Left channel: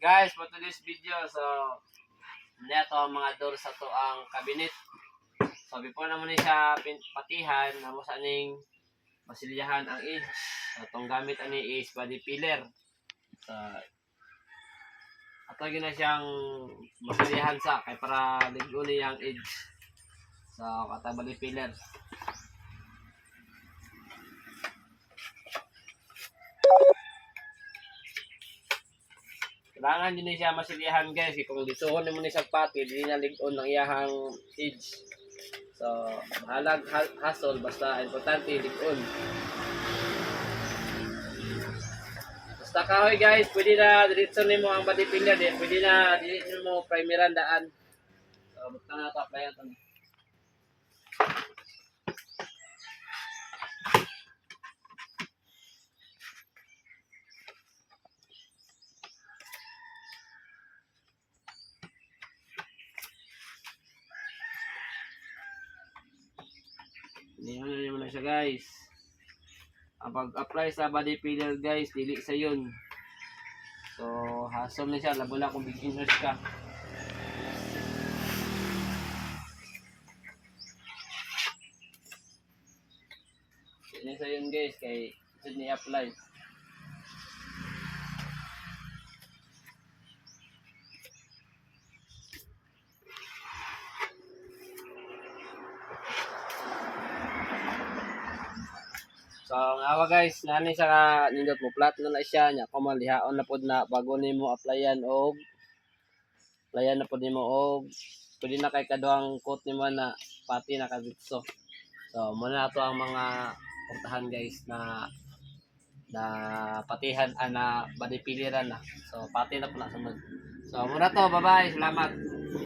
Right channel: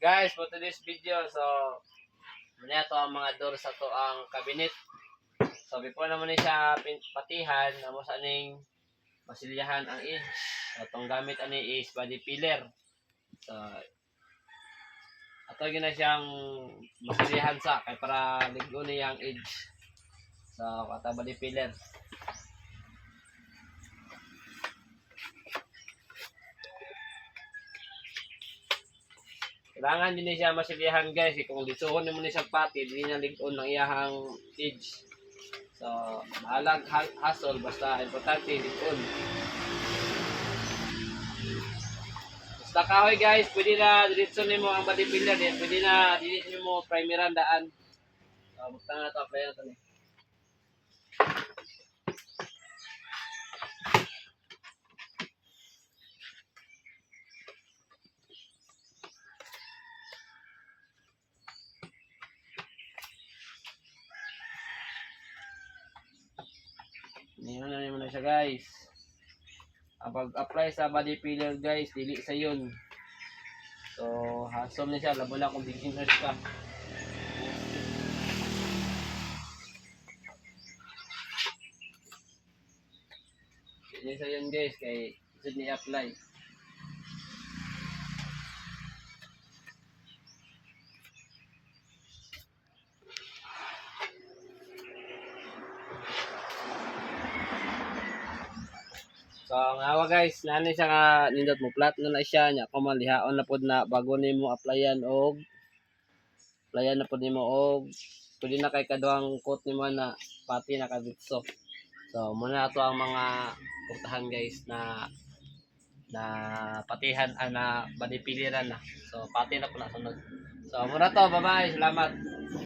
Guys, for today's video, so muna to ang mga door sa to ang cabinet. So before naman ni siya patihan, namo sa aning masilyahan ang edge. So itong gamit ani is body filler. So ato gina siyang masilyahan sa kay para ligo niya ang edge. So kata body filler. Kailangan din siya masilyahan guys, kung lisuhon mo ni sa pati, hindi niya ligon ng iyahang edge. So, mahalag hassle, basta importante ligon. Basta kahoy guys, pwede na diretso nimo ang body filler din, pwede na diretso mo primeran daan. So, basta na to, apply na to. Niyan na siya guys. Ang pag-apply sa body filler guys, dili sa yun. So, hassle na siya, labo na kung beginners ka. Dili sa yun guys, kay should ni-apply. So, ngawa guys, nani siya ka nindot mo flat na siya nya kumalihaon na pod na bago nimo applyan na pod nimo og pwede na kay kaduhang coat nimo na pati na kaditso. So, muna ato ang mga portahan guys na patihan na body piliran na. So, pati na po na sunod. So, muna to, bye-bye, salamat.